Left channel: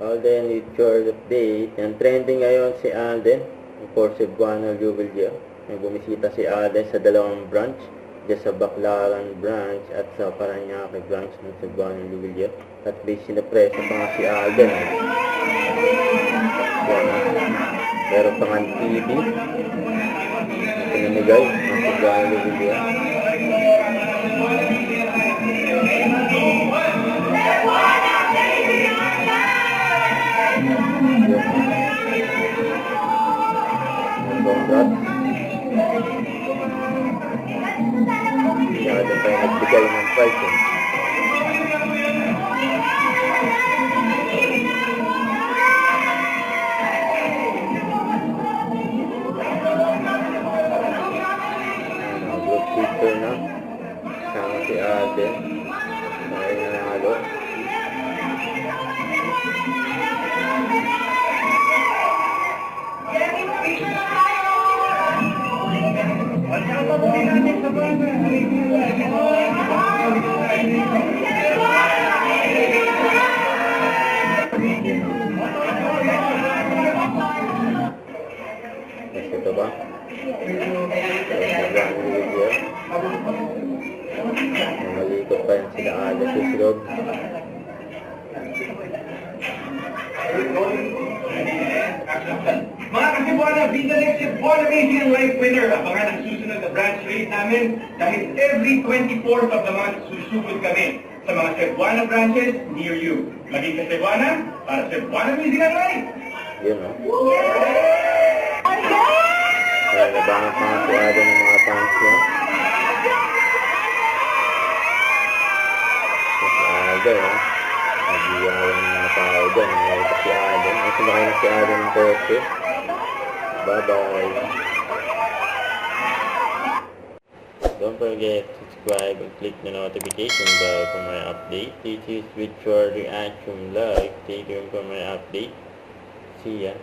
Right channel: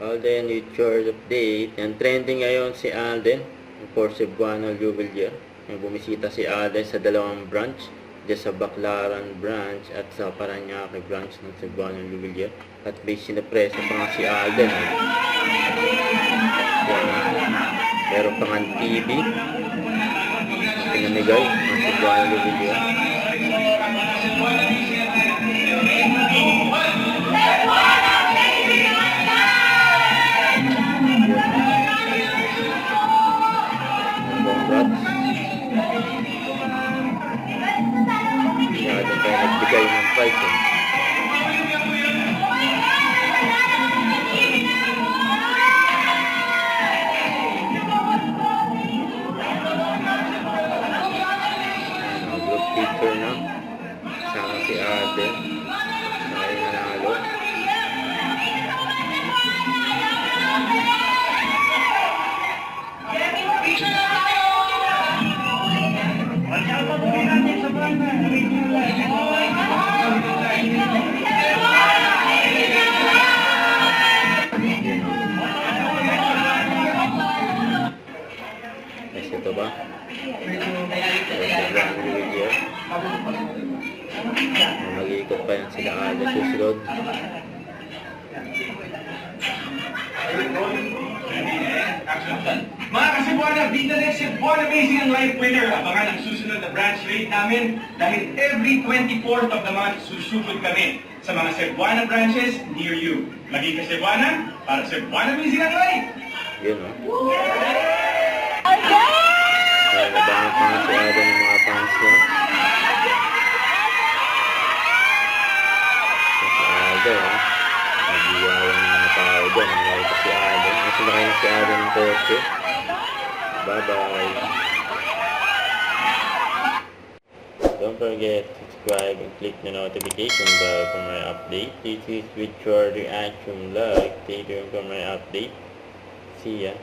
Alden with short update. And trending ngayon si Alden for Cebuano Jubillier. Yung bumisita si Alden sa dalawang branch, dyan sa Baclaran branch at sa Parañaque branch ng Cebuano Jubillier. At base sinapresa pa nga si Alden. Yan, meron pa nga TV. Pinamigay ng Cebuano Jubillier. Masyado tayo nagbigay ng price. Ang group picture na. Sama si Alden. Saka yung nanalo. Yes, ito ba? Mag-iikot pa yun sila Alden susunod. Mga kasibuana, dito rin si Cebuano Amazing ang live winner. Abangan ang susunod na branch rate namin dahil every 24th of the month susugod kami sa mga Cebuana branches near you. Maging ka Cebuana para Cebuano Amazing ang live. Yun, no? Kaya nabangat na nga si Alden ng mga fans niya. Si Alden, ha? Nag-iyawan ng mga tao dyan. Nakita si Alden. Kasi nakita si Alden ng kotse. Bye-bye. Don't forget to subscribe and click the notification bell for my update. This is with your reaction like. Stay tuned for my update. See ya.